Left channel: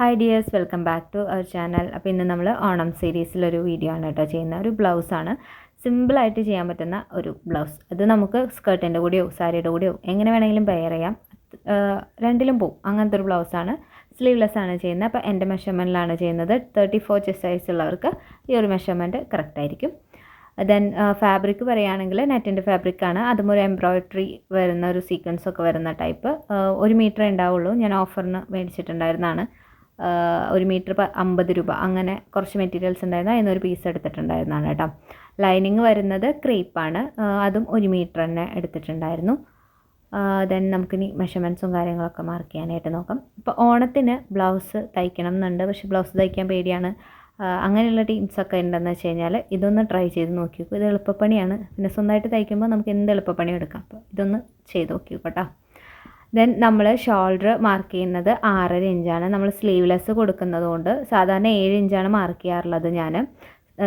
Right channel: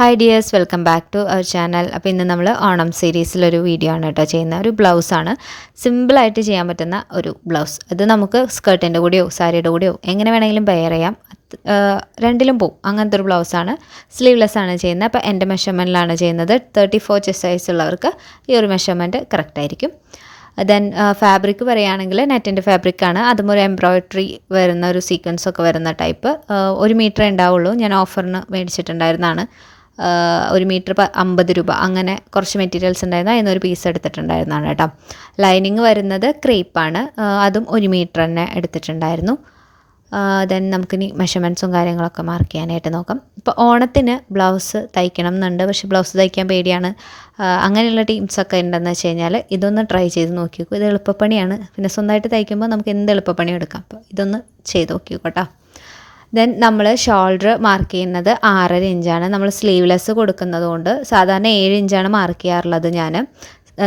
Hi dears welcome back to our channel അപ്പോൾ ഇന്ന് നമ്മൾ ഓണം സീരീസിലൊരു വീഡിയോ ആണ് കേട്ടോ ചെയ്യുന്ന ഒരു ബ്ലൗസാണ് സിമ്പിളായിട്ട് ചെയ്യാൻ പറ്റുന്ന ഒരു ബ്ലൗസ് അത് നമുക്ക് സ്കേർട്ടിന്റെ കൂടെയോ സാരിയുടെ കൂടെയോ എങ്ങനെ വേണമെങ്കിലും വെയർ ചെയ്യാം. രണ്ടിലും പോവും. അങ്ങനത്തെ ഒരു ബ്ലൗസാണ് സ്ലീവ്ലെസ് ആണ് ചെയ്യുന്നത്. അപ്പോൾ എന്റെ മെഷർമെന്റിലാണ് ചെയ്യുന്നത്. തേർട്ടി ഫോർ ചെസ്റ്റ് സൈസ് ഉള്ളവർക്ക് ഈ ഒരു മെഷർമെന്റ് കറക്റ്റ് ആയിരിക്കും. ദെൻ ഫാബ്രിക് പറയുകയാണെങ്കിൽ നെറ്റിന്റെ ഫാബ്രിക്കാണ് അതും ഒരു എംബ്രോയിഡറി വരുന്ന ഒരു സീക്വൻസ് ഒക്കെ വരുന്ന ടൈപ്പ് ഒരു മീറ്റർ ഉണ്ടാവുള്ളൂ. ഞാൻ ഓഫറിന് മേടിച്ചിട്ടുണ്ടായിരുന്നതാണ്. ഒരു മീറ്റർ അമ്പത് രൂപ അങ്ങനെ കുറച്ച് മെറ്റീരിയൽസ് ഉണ്ടായിരുന്നു. ഒരു പീസ് എടുത്തിട്ടുണ്ടായിരുന്നതാണ് കേട്ടോ. ലൈനിങ് വരുന്നത് ക്രീപ്പാണ് അതും ഒരു മീറ്റർ തന്നെ എടുത്തിട്ടുണ്ടായിരുന്നു. ദെൻ നമുക്കിനി മെഷർമെന്റ്സും കാര്യങ്ങളൊക്കെ മാർക്ക് ചെയ്യാനായിട്ട് നോക്കാം. ഇപ്പോൾ ഓണത്തിന് ബ്ലൗസ് തയ്ക്കണം എന്നുണ്ട്. പക്ഷേ ബ്ലൗസ് തയ്ക്കാൻ പേടിയാണ്. അങ്ങനെയുള്ള ടീംസൊക്കെ ഉണ്ടെന്ന് വെച്ച് കഴിഞ്ഞാൽ ഇതൊന്ന് ട്രൈ ചെയ്ത് നോക്കി നോക്കൂ ഇത് എളുപ്പപ്പണിയാണ്. പിന്നെ സ്വന്തമായിട്ട് തയ്ക്കുമ്പോൾ നമുക്ക് എന്ത് എളുപ്പപ്പണി എടുക്കാം. അപ്പോൾ ഇതൊന്ന് ചെയ്ത് നോക്കി കേട്ടോ. ദെൻ നമ്മൾ ഷോൾഡർ മാർക്ക് ചെയ്യുന്നത് ആറര ഇഞ്ചാണ് നമ്മൾ സ്ലീവ്ലെസ് കൊടുക്കുന്നത് കൊണ്ട് സാധാരണ ഏഴ് ഇഞ്ചാണ് മാർക്ക് ചെയ്യാറുള്ളത് ഞാൻ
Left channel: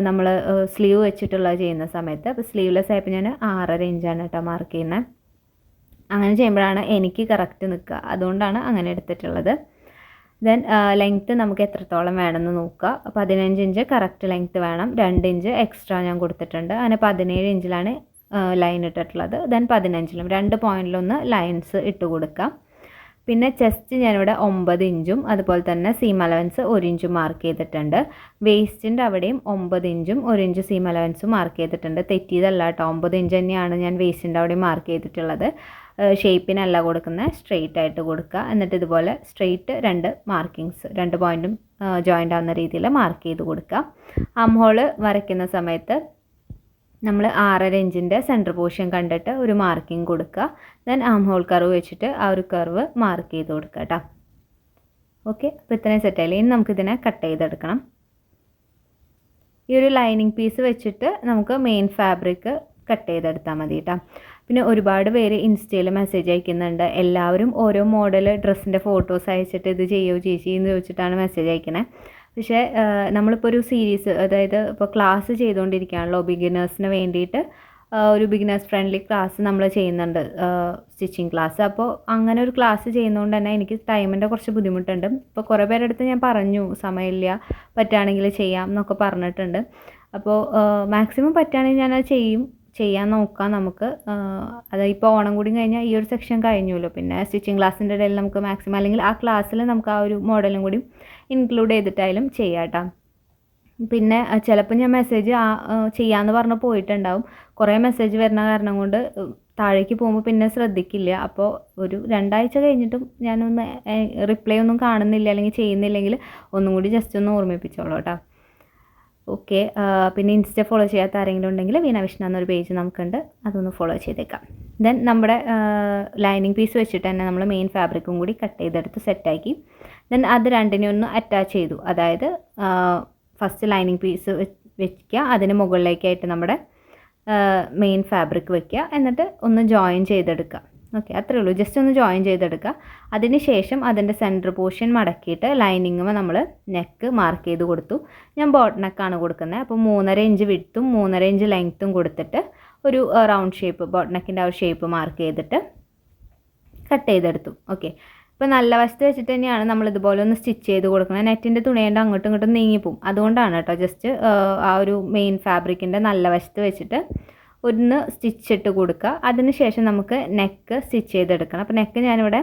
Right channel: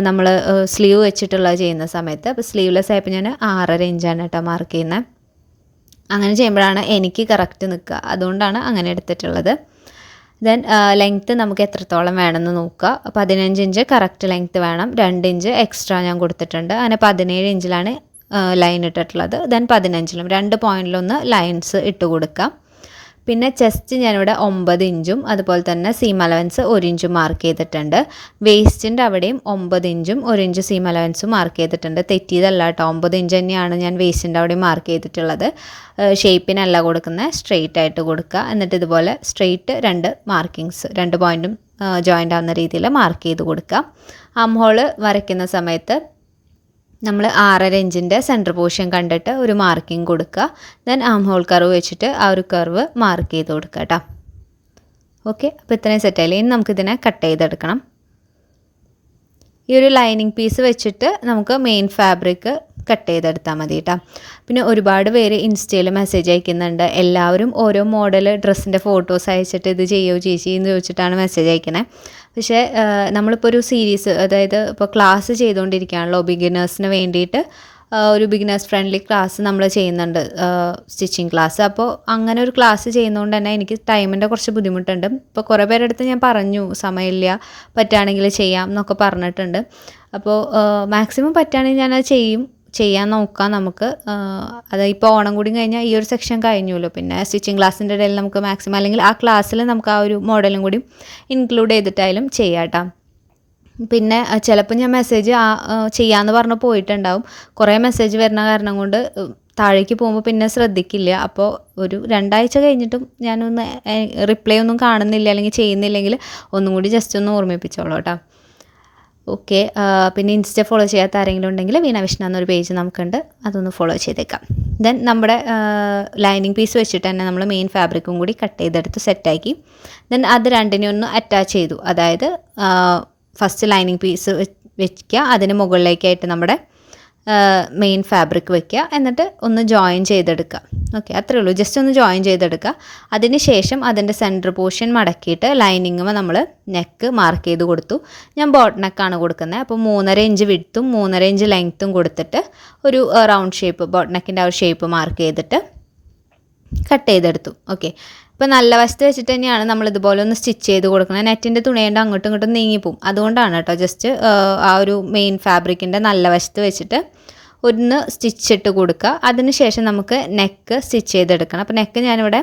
നമ്മൾ സ്ലീവ് വെച്ചിട്ടുള്ള ചെയ്യുന്ന സമയത്ത്. അപ്പോൾ സ്ലീവ്ലെസ് ആയപ്പോൾ ഞാൻ ആറര ഇഞ്ചാണ് കേട്ടോ മാർക്ക് ചെയ്യുന്നത് അങ്ങനെ ചെയ്യുമ്പോഴാണ് എനിക്ക് കറക്റ്റ് നിൽക്കുക. അതുകൊണ്ടാണ് അങ്ങനെ എടുത്തിട്ടുള്ളത്. ദെൻ ലെങ്ത്ത് നമുക്ക് എത്രത്തോളം വേണമെന്ന് നോക്കുക. പതിനഞ്ച് ഇഞ്ച് കറക്റ്റ് ലെങ്ത്ത് വേണം. രണ്ട് ഇഞ്ച് എക്സ്ട്രാ ഞാൻ കൊടുത്തിട്ടുണ്ട്. അങ്ങനെ പതിനേഴ് ഇഞ്ചിലാണ് ലൈൻ ഇട്ടിട്ടുള്ളത്. ദെൻ പതിനഞ്ചിലും രണ്ട് പോയിന്റിലൊന്ന് ലൈൻസ് ഇട്ട് കൊടുക്കാം. പിന്നെ ചെസ്റ്റ് ഞാനിവിടെ ഒമ്പത് ഇഞ്ചും അതുപോലെ തന്നെ സീം അലവൻസ് ഒരു ഇഞ്ചും മാർക്ക് ചെയ്തിട്ടുണ്ട്. വേസ്റ്റിന്റെ അവിടെയും ഒമ്പത് ഇഞ്ചും ഒരു ഇഞ്ച് സീം അലവൻസും മാർക്ക് ചെയ്തിട്ടുണ്ട്. തെറ്റിയതല്ല കേട്ടോ ഒമ്പത് ഇഞ്ച് തന്നെയാണ് ഞാൻ വേസ്റ്റിന്റെ അവിടെ മാർക്ക് ചെയ്തിട്ടുള്ളത്. ഷേപ്പിനല്ല കൊടുക്കുന്നത് സ്ട്രെയിറ്റ് ആയിട്ട് കൊടുക്കുക. എന്നിട്ട് ഇതുപോലെ സ്ട്രെയിറ്റ് രണ്ട് മാർക്കിങ്സ് രണ്ട് പോയിന്റും ജോയിന്റ് ആവുന്ന രീതിയിൽ മാർക്ക് ചെയ്ത് കൊടുക്കുക. ആം വരയ്ക്കുന്ന സമയത്ത് നമ്മൾ ആറര ഇഞ്ചിന്റെ സെന്റർ പോർഷൻ കണ്ടിട്ട് ഒരു മാർക്കിംഗ് കൊടുക്കുക. ദെൻ ആം ഹോൾ കർവ് വെച്ചിട്ട് ആ ഒരു കർവ് മാർക്ക് ചെയ്ത് കൊടുക്കുക കേട്ടോ ഓക്കെ അപ്പോൾ ഇത്രയും സെറ്റായില്ലേ ഇനി നമുക്കിതിനെ കട്ട് ചെയ്തെടുക്കണം. ഈ ഒരു ലൈനിങ് പീസ് വെച്ചിട്ട് നമുക്ക് മെയിൻ ഫാബ്രിക് കട്ട് ചെയ്തെടുത്താൽ മതി കേട്ടോ പിന്നെ ഒരുപാട് പേര് ഇൻസ്റ്റയിൽ മെസ്സേജ് അയക്കുന്നുണ്ട്. എല്ലാവരും ഓരോ മോഡൽ ഡ്രസ്സിന്റെ ഫോട്ടോസ് അയച്ചിട്ട് ഇത് ചെയ്യോ ചേച്ചി എന്ന് ചോദിച്ചിട്ടാണ് മെസ്സേജ് അയക്കുന്നത് പക്ഷേ നമ്മളിപ്പോൾ ഒരു സീരീസ് അതായത് ഇപ്പോൾ ക്ലാസ് ചെയ്തുകൊണ്ടിരിക്കുകയാണല്ലോ ബിഗിനേഴ്സിന് വേണ്ടിയിട്ട് ഒരു ബിഗിനേഴ്സ് ഫ്രണ്ട്ലി ക്ലാസ് നമ്മൾ ചെയ്യുന്നുണ്ട് സ്റ്റിച്ചിങ് ക്ലാസ് അപ്പോൾ അങ്ങനെ ഒരു ക്ലാസ് ചെയ്യുന്നതുകൊണ്ട് തന്നെ എനിക്ക് ടൈമിന്റെ കുറച്ച് ബുദ്ധിമുട്ടുണ്ട്. ഇപ്പോൾ കുറേ പേരുടെ അടുത്ത് ഞാൻ പറഞ്ഞു സമയമില്ല പറ്റുകയാണെങ്കിൽ ചെയ്യാം എന്നൊക്കെ പറഞ്ഞിട്ടുണ്ട്. അപ്പോൾ മാക്സിമം പറ്റുകയാണെങ്കിൽ ഞാനത് ചെയ്യും. ചെയ്യാൻ നോക്കാം നമുക്ക്. അത് ഇപ്പോൾ ഓണം കൂടി കഴിഞ്ഞാൽ ഈ ഒരു സെക്ഷൻ കഴിഞ്ഞല്ലോ പിന്നെ സ്റ്റിച്ചിങ് ക്ലാസ്സിന്റെ ഇടയിൽ നമുക്ക് മാക്സിമം അല്ലെങ്കിൽ ആ ക്ലാസ്സിൽ നമുക്ക് ആ ഒരു മോഡലും കൂടി ഇൻക്ലൂഡ് ചെയ്തിട്ടായാലും ചെയ്യാം പിന്നെ ചിലപ്പോൾ ഞാൻ മെസ്സേജ് ചെയ്യാമെന്ന് പറഞ്ഞ് പോയിട്ടുണ്ടാവും. കുറേ മെസ്സേജ് വരുന്ന കാരണം കൊണ്ട് താഴേക്ക് പോകുമ്പോൾ പിന്നെ ശ്രദ്ധിക്കില്ല. അപ്പോൾ ഒരു രണ്ടാഴ്ച കഴിഞ്ഞിട്ടും ഞാനൊന്ന് റിപ്ലൈ ഒന്നും കാണുന്നില്ല അല്ലെങ്കിൽ ചെയ്യുന്നില്ലെങ്കിൽ ഒന്നും കൂടി ജസ്റ്റ് ഒന്ന് ഓർമ്മിപ്പിച്ചോളൂ കേട്ടോ ഓക്കെ പിന്നെ ഇൻസ്റ്റ ഫോളോ ചെയ്യാത്ത ആരെങ്കിലും ഉണ്ടെങ്കിൽ വീണ വിഷ്ണ എന്നൊരു പേജ് നമുക്കുണ്ട്. അതൊന്ന് ഫോളോ ചെയ്തേക്കാം. ദെൻ നമ്മുടെ ലൈനിങ് പീസ് വെച്ചിട്ട് തന്നെ നമ്മൾ മെയിൻ ഫാബ്രിക്കും കൂടി കട്ട് ചെയ്തെടുത്ത് സെറ്റാക്കി ദെൻ അത് രണ്ടിനെ ഒന്ന് അറ്റാച്ച് ചെയ്തു. അതായത് ഫസ്റ്റ് ലൈനിങ് പീസ് വെക്കുക. അതിന് മുകളിലേക്കായിട്ട് നമ്മുടെ മെയിൻ ഫാബ്രിക് വെക്കുക എന്നിട്ട് ഒന്ന് ജോയിൻ ചെയ്തെടുക്കുക ഓക്കെ അത്രേ ഉള്ളൂ. ജസ്റ്റ് ഒന്ന് ജോയിൻ ചെയ്തെടുക്കുക അതിന് ശേഷം അതിന്റെ സെന്റർ പോർഷൻ മടക്കിയിട്ട് ലൈനിങ് നമ്മൾ നെക്ക് മാർക്ക് ചെയ്ത് കൊടുത്തു. ഞാൻ ബോട്ട് നെക്കാണ് കൊടുക്കുന്നത്. അപ്പോൾ മൂന്നര ഇഞ്ച് വിടുത്തും മൂന്നര ഇഞ്ച് ലെങ്ത്തും കൊടുത്തിട്ട് ഒരു റൗണ്ട് ഷേപ്പ് ബോട്ട് നെക്കിന്റെ ആ ഒരു ഷേപ്പ് മാർക്ക് ചെയ്തിട്ട് കട്ട് ചെയ്തെടുത്തു. ഓക്കെ ഇപ്പോൾ നല്ല വശത്ത് വെച്ചിട്ട് തന്നെയാണ് നമ്മൾ ഇതുപോലെ ഒന്ന് സ്റ്റിച്ച് ചെയ്ത് കൊടുക്കുന്നത്. നെറ്റിന്റെ തുണിയുണ്ട് അങ്ങോട്ടും ഇങ്ങോട്ടും നീങ്ങിപ്പോവും. അതുകൊണ്ടാണ് കേട്ടോ ജസ്റ്റ് ആ ഒരു മെയിൻ ഫാബ്രിക്കിന്റെ നല്ല വശത്ത് വെച്ചിട്ട് ഒന്ന് സ്റ്റിച്ച് ഇട്ട് കൊടുക്കുക. അതിന് ശേഷം നമുക്ക് നെക്ക് സ്റ്റിച്ച് ചെയ്തെടുക്കണം. അപ്പോൾ നെക്ക് ഞാനിവിടെ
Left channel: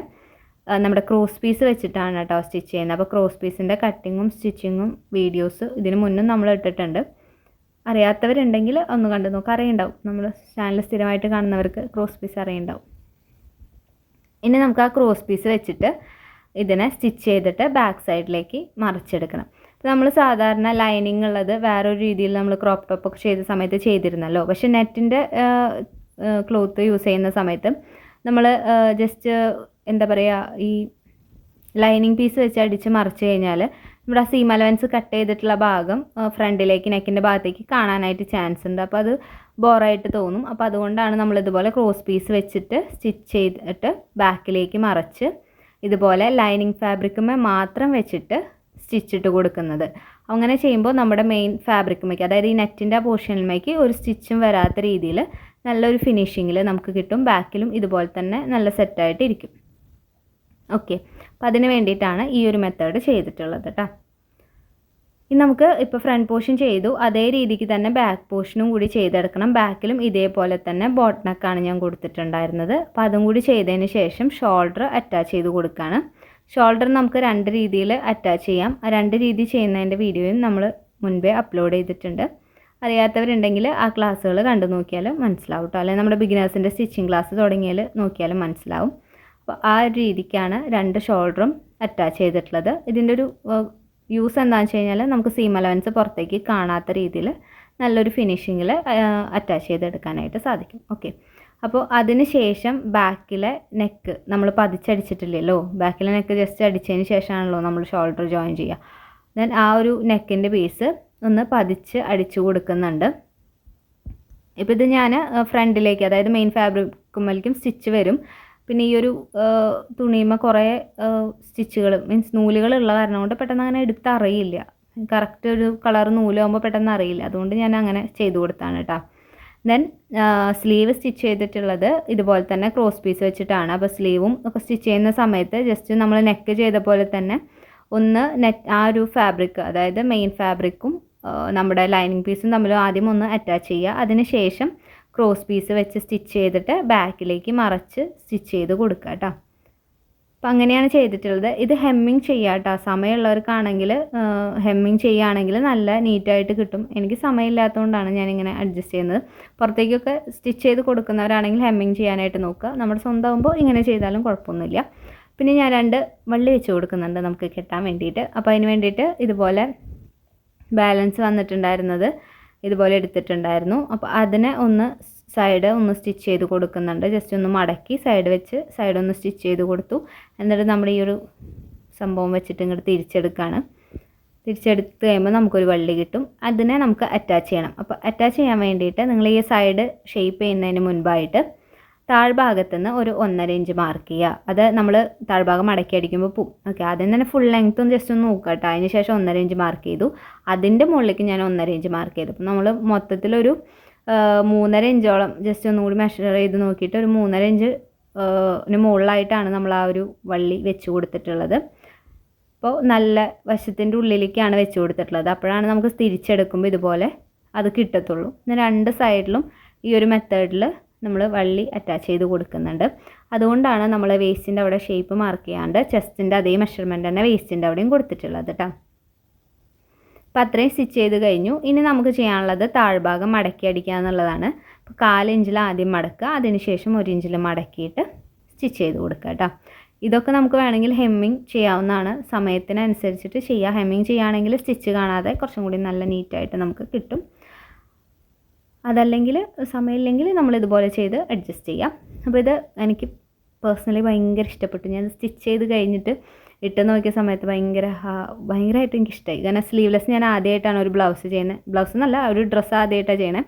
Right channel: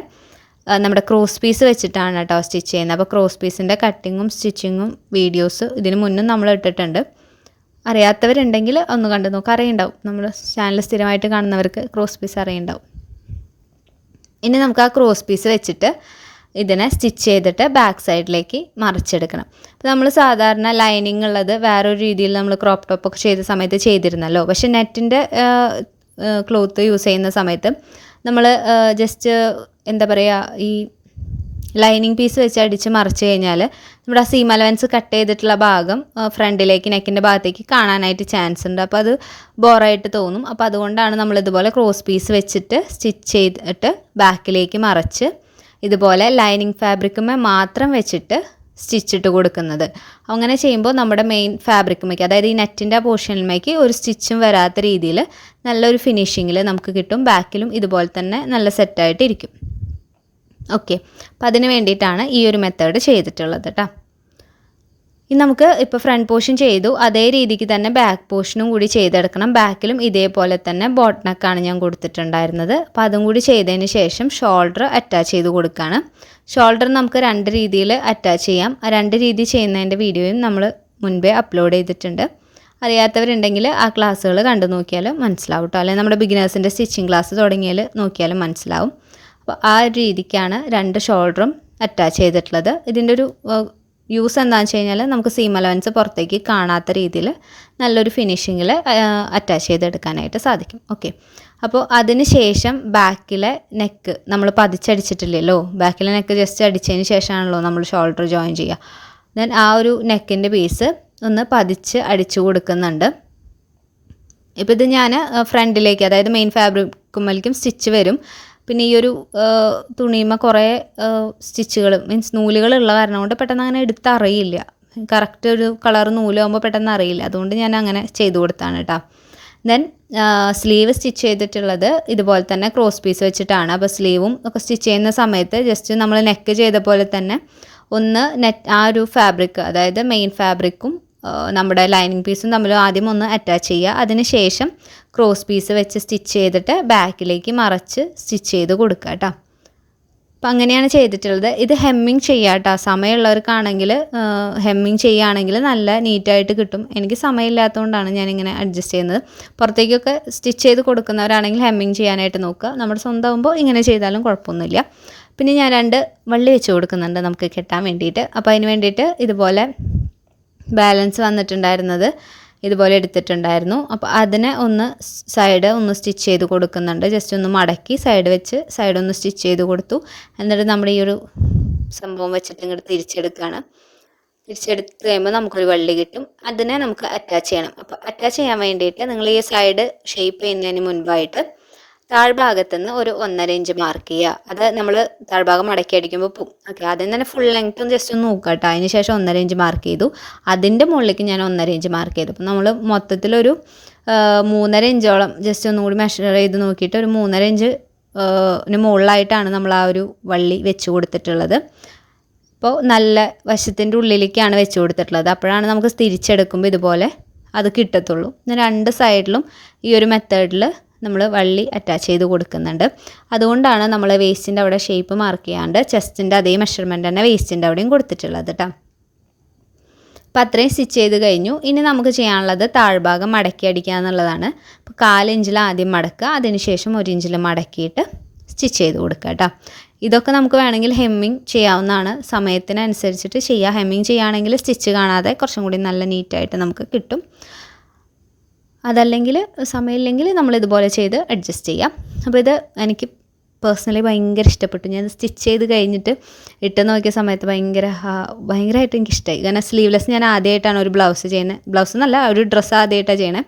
നമ്മുടെ ക്രോസ് പീസ് വെച്ചിട്ടാണ് കേട്ടോ സ്റ്റിച്ച് ചെയ്യുന്നത്. അപ്പോൾ ക്രോസ് പീസിന്റെ കട്ടിങ്ങും സ്റ്റിച്ചിങ്ങും വീഡിയോസ് ഇതിന് മുന്നും നമ്മൾ ഇട്ടിട്ടുണ്ട്. അറിയാത്തവരുണ്ടെങ്കിൽ ഒന്ന് കണ്ടു നോക്കുക അറിയുണ്ടാവും. നമ്മൾ ചാനൽ സ്ഥിരമായിട്ട് കാണുന്നവർക്ക് ക്രോസ് പീസ് അറിയുണ്ടാവും. ഇനി നമുക്ക് ആ ക്രോസ് പീസ് വെച്ചിട്ട് ഇതിനെ സ്റ്റിച്ച് ചെയ്തിട്ട് ബാക്ക് സൈഡിലേക്ക് മറിച്ചെടുക്കണം. അപ്പോൾ നമ്മൾ സാധാരണ ലൈനിങ് ഉള്ളത് വേറൊരു രീതിയിൽ നമ്മൾ ക്രോപ്പ് ടോപ്പ് ഒക്കെ ചെയ്ത സമയത്ത് ചെയ്തിരുന്നല്ലോ. പക്ഷെ നെറ്റിന്റെ ക്ലോത്ത് യൂസ് ചെയ്യുന്ന സമയത്ത് നമ്മൾ ജസ്റ്റ് എന്താ പറയുക ഈ ലൈനിങ് പീസ് വെച്ച് അടിച്ച് മറിച്ച് കഴിഞ്ഞാൽ നമ്മുടെ ആ സീം അലവൻസ് കട്ട് ചെയ്തിട്ടുള്ള ഭാഗം ഫ്രണ്ടിലേക്ക് നെക്കിന്റെ ഭാഗത്തേക്ക് കാണാനായിട്ട് ചാൻസ് ഉണ്ട്. അപ്പോൾ അത് ബോറായിട്ട് തോന്നും. അപ്പോൾ അതുകൊണ്ടാണ് നമ്മൾ ഇതുപോലെ ക്രോസ് പീസ് വെച്ചിട്ട് സ്റ്റിച്ച് ചെയ്തിട്ട് ബാക്കിലേക്ക് മറച്ച് ഇതുപോലെ ലൈനിങ് ഫാബ്രിക്കുമേ മാത്രം വെച്ചിട്ട് സ്റ്റിച്ചിട്ട് കൊടുക്കുന്നത്. അങ്ങനെ ചെയ്യുമ്പോൾ നമ്മുടെ മെയിൻ ഫാബ്രിക്കുമേക്ക് അതായത് ഈ നെറ്റിന്റെ പോർഷനിലേക്ക് ഒരു സ്റ്റിച്ചും വരാത്ത രീതിയിൽ നല്ലൊരു ഫിനിഷിങ്ങിൽ നമുക്ക് കിട്ടും. ബാക്കിലും ഇതുപോലെ തന്നെ നല്ല സെറ്റായിട്ട് ഇരിക്കും ഓക്കെ അപ്പം അതിന് വേണ്ടിയിട്ടാണ് ഈ ഒരു മെത്തേഡ് ചെയ്തിട്ടുള്ളത് കേട്ടോ ഇനി നമുക്ക് ഇപ്പോൾ ഫ്രണ്ട് പോർഷൻ ചെയ്തു. അതേ രീതിക്ക് തന്നെ ബാക്ക് പോർഷനും കൂടി ചെയ്തെടുക്കണം. ബാക്കിലും ഇതേപോലെ തന്നെ ബോട്ട് നെക്കാണ് ഞാൻ കൊടുത്തിട്ടുണ്ടായിരുന്നത്. അപ്പോൾ അതും കൂടി ചെയ്തതിന് ശേഷം ഷോൾഡർ അറ്റാച്ച് ചെയ്ത് കൊടുക്കുകയാണ് ഷോൾഡർ നമുക്ക് രണ്ട് രീതിയിൽ അറ്റാച്ച് ചെയ്യാം. ആ രണ്ട് രീതി ചെയ്യുന്നതിന്റെ വീഡിയോയും നമ്മൾ മുൻപേ അപ്ലോഡ് ചെയ്തിട്ടുണ്ട്. അറിയാത്തവരുണ്ടെങ്കിൽ ആ ക്ലാസ്സുകൾ കണ്ടു നോക്കിയാൽ മനസ്സിലാവും കേട്ടോ അല്ലെങ്കിൽ നമ്മുടെ ബിഗിനേഴ്സിന്റെ സ്റ്റിച്ചിങ് ക്ലാസ് തുടങ്ങിയാൽ നോക്കിയാലും മനസ്സിലാവും. അപ്പോൾ ആ ഒരു രീതിക്കാണ് രണ്ട് ഷോൾഡറും അറ്റാച്ച് ചെയ്തിട്ടുള്ളത്. ഇതിന്റെ ഒരു യൂസ് എന്താണെന്ന് വെച്ച് കഴിഞ്ഞാൽ നമുക്ക് സീം അലവൻസ് പുറത്തേക്ക് കാണാത്ത രീതിയിൽ നല്ലൊരു ഫിനിഷിങ്ങിൽ അറ്റാച്ച് ചെയ്തെടുക്കാനായിട്ട് സാധിക്കും. ഓക്കെ അപ്പോൾ അതിന് ശേഷം ബാക്കിലെ നെക്ക് നമ്മൾ പതിച്ചടിച്ചിട്ടില്ലല്ലോ. ബാക്കിലെ നെക്ക് ജസ്റ്റ് അടിച്ചതിന് ശേഷമാണല്ലോ നമ്മൾ ഷോൾഡർ ജോയിൻ ചെയ്യുക. ദെൻ ആ ഒരു നെക്കിന്റെ പീസ് ഒന്ന് പതിച്ച് അടിച്ചു കൊടുക്കുന്നുണ്ട്. ഇപ്പോൾ ഇത് ഞാൻ ഫ്രണ്ടിലേക്ക് അതായത് മെയിൻ ഫാബ്രിക്കുമ്മലിക്കും സ്റ്റിച്ച് വരും. പിന്നെ ഈ ഒരു തുണിയുമ്മ കുറേ സ്റ്റിച്ചുകൾ മീൻസ് നൂലുകളുള്ള കാരണം കൊണ്ട് പെട്ടെന്ന് അങ്ങനെ എടുത്തറിയില്ല. കറക്റ്റ് ഒരു കളർ നൂലാകുമ്പോൾ പെട്ടെന്ന് അറിയില്ല. അതുകൊണ്ട് ഞാൻ അങ്ങനെ ചെയ്തു കൊടുത്താണ് കേട്ടോ ദെൻ സ്ലീവ് സ്റ്റിച്ച് ചെയ്തിട്ടുള്ളത് ഇതുപോലെ തന്നെ ക്രോസ് പീസ് വെച്ചിട്ടാണ്. അപ്പോൾ സ്ലീവും ഒക്കെ സ്റ്റിച്ച് ചെയ്യുന്ന സമയത്ത് ജസ്റ്റ് നമ്മൾ നെക്ക് ചെയ്ത പോലെ തന്നെ ഒന്ന് നെറ്റ് ആ ഒരു ഫാബ്രിക് അതായത് മെയിൻ ഫാബ്രിക്കും നമ്മുടെ ലൈനിങ് പീസും തമ്മിൽ ആദ്യം ഒന്ന് അറ്റാച്ച് ചെയ്യുക. അതിന് ശേഷം ക്രോസ് പീസ് വെച്ച് സ്റ്റിച്ച് ചെയ്തിട്ട് ബാക്കിലേക്ക് മറച്ച് സ്റ്റിച്ച് ചെയ്ത് കൊടുക്കുക കേട്ടോ അപ്പം അങ്ങനെയാണ് ചെയ്തിട്ടുള്ളത്. ഇത് ഹെമ്മിങ് ചെയ്യുക കേട്ടോ സമയമുള്ളവർക്കാണെങ്കിൽ ഹെമ്മിങ് ചെയ്യുകയാണെങ്കിൽ നല്ല നീറ്റായിട്ട് കിട്ടും. എനിക്ക് സമയമില്ലാത്തതുകൊണ്ടാണ് ഞാനിങ്ങനെ അഡ്ജസ്റ്റ് ചെയ്യുന്നത്. പുറത്തേക്കൊക്കെ സ്റ്റിച്ച് ചെയ്ത് കൊടുക്കുന്നവരാണെങ്കിൽ ഹെമ്മിങ് ചെയ്യാനായിട്ട് നോക്കുക. നമ്മുടെ സ്വന്തമാകുമ്പോൾ ഇങ്ങനെ ചെയ്താലും കുഴപ്പമൊന്നുമില്ല. പിന്നെ ഞാൻ രണ്ട് വള്ളി വെച്ച് കൊടുക്കുന്നുണ്ട് നമുക്ക് കെട്ടാൻ വേണ്ടിയിട്ട്. അപ്പോൾ അതിന് വേണ്ടിയിട്ട് ഇതുപോലെ ബാലൻസ് വന്നിട്ടുണ്ടായിരുന്നത് ഇതുപോലെ എടുത്തിട്ടുണ്ടായിരുന്നു. അപ്പോൾ അതിനെ ഒന്ന് സൈഡ് ഒന്ന് സ്റ്റിച്ച് ചെയ്ത് കൊടുക്കുന്നുണ്ട്. ജസ്റ്റ് ഒന്ന് മടക്കി സൈഡ് വെച്ച് സൈഡ് ഒന്ന് സ്റ്റിച്ച് ചെയ്ത് കൊടുത്തു. എന്നിട്ട് നമ്മുടെ ഈ ഒരു സംഭവം വെച്ചിട്ട് ഇങ്ങോട്ട് തിരിച്ചെടുക്കുകയാണ് തിരിച്ചെടുത്ത് കഴിയുമ്പോൾ നമുക്കൊരു വള്ളി കിട്ടും. അതിനെ നമുക്ക് അറ്റാച്ച് ചെയ്യണം. അപ്പോൾ അറ്റാച്ച് ചെയ്യാൻ വേണ്ടിയിട്ട് നിങ്ങൾ ഈ സൈഡ് ഷേപ്പ് ചെയ്യുന്നതിന് മുൻപായിട്ട് താഴ്ഭാഗത്ത് നിന്ന് ഒരു ഒന്നര ഇഞ്ച് മാർക്ക് ചെയ്യുക. അത് നമ്മൾ താഴ്ഭാഗം മടക്കി അടിക്കുമ്പോൾ പോവും. ഓക്കെ ആദ്യം തന്നെ ഫുൾ ലെങ്ത്തും ജസ്റ്റ് ഒന്ന് നോക്കുക കേട്ടോ. അതിന് ശേഷം ഒന്നര ഇഞ്ച് മാർക്ക് ചെയ്തു. അതിന്റെ മുകളിലേക്ക് ഞാൻ ഒന്നര ഇഞ്ച് മാർക്ക് ചെയ്തു. അപ്പോൾ നമ്മൾ മൊത്തത്തിലൊരു മൂന്നര ഇഞ്ചോളം ജസ്റ്റ് ഒന്നുകൂടി മെഷർ ചെയ്ത് നോക്കിയിട്ട് ഒരു മൂന്നര ഇഞ്ച് മുകളിലായിട്ടാണ് നമ്മൾ ആ ഒരു വള്ളി വെച്ച് കൊടുത്തിട്ടുള്ളത്. അപ്പോൾ നല്ല വശത്തിന്റെ ഉള്ളിലേക്കാണ് വെച്ച് കൊടുത്തിട്ടുള്ളത്. അപ്പോഴാണ് നമുക്ക് തിരിച്ചെടുക്കുമ്പോൾ ഇതുപോലെ അത് കിട്ടത്തുള്ളൂ. രണ്ട് സൈഡിലും ഈ ഒരു മെത്തേഡിൽ നമ്മൾ വള്ളി അറ്റാച്ച് ചെയ്ത് കൊടുക്കുന്നുണ്ട്. അതുകൊണ്ടാണ് നമ്മൾ വേസ്റ്റിന്റെ അവിടെ ഷേപ്പ് മാർക്ക് ചെയ്യാണ്ട് ചെസ്റ്റിന്റെ അതേ മെഷർമെന്റ് തന്നെ വേസ്റ്റിന്റെ അവിടെയും കൊടുത്തിട്ടുള്ളത് കേട്ടോ അപ്പോൾ അത്രയും സ്റ്റിച്ച് ചെയ്ത് കഴിഞ്ഞു. ഇനി നമുക്ക് ചെയ്യാനുള്ളത് താഴ്ഭാഗം മടക്കി അടിക്കുക എന്നുള്ളതാണ്. അപ്പോൾ കാലിഞ്ചിൽ ആദ്യം മടക്കുക അതിനുശേഷം ഒരു ഇഞ്ചിൽ മടക്കിയിട്ട് സ്റ്റിച്ച് ചെയ്ത് കൊടുക്കുക കേട്ടോ ഇതൊക്കെ നമുക്ക് വേണമെങ്കിൽ ഹെമ്മിങ് ചെയ്യാവുന്നതാണ്. സമയത്തിനനുസരിച്ചിട്ട് ചെയ്യുക ഹെമ്മിങ് ചെയ്യുകയാണെങ്കിൽ സ്റ്റിച്ച് കാണാതെ കുറച്ചും കൂടി നല്ല നീറ്റായിട്ട് നമുക്ക് കിട്ടും. അതല്ലെങ്കിൽ സമയമില്ലെങ്കിൽ നമ്മൾ ഇതുപോലെ ചെയ്ത് അഡ്ജസ്റ്റ് ചെയ്യാം. അപ്പോൾ ഇത് എനിക്ക് പേഴ്സണലി ഭയങ്കര ഇഷ്ടപ്പെട്ടു. ഞാൻ സ്റ്റിച്ച് ചെയ്ത് കഴിഞ്ഞിട്ട് ഇട്ട് നോക്കിയ സമയത്ത് ഭയങ്കര ഭയങ്കരമായിട്ട് എനിക്ക് ഇഷ്ടമായി കാരണം സ്ലീവ്ലെസ് ഞാൻ ആദ്യമായിട്ടാണ് ഒരു ബ്ലൗസ് ചെയ്യുന്നത്. ബ്ലൗസ് എന്നല്ല ഒരു ഡ്രസ്സ് ആദ്യമായിട്ടാണ് ചെയ്യണേ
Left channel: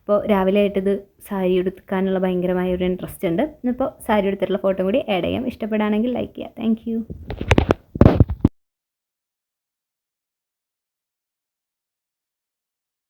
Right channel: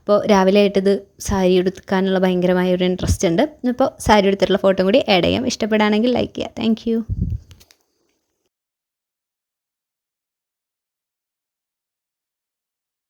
അപ്പോൾ രാവിലെ ആയിട്ട് ഇത് സാരി എടുക്കാനുള്ള ഭയങ്കരമായ ഒരു ഇൻട്രസ്റ്റ് ഉണ്ട്. ഇപ്പോൾ സാരി എടുത്തിട്ടുള്ള ഫോട്ടോ കൂടി ആഡ് ചെയ്യാം. ഇഷ്ടപ്പെടുകയാണെങ്കിൽ ലൈക്ക് ചെയ്യാം. താങ്ക്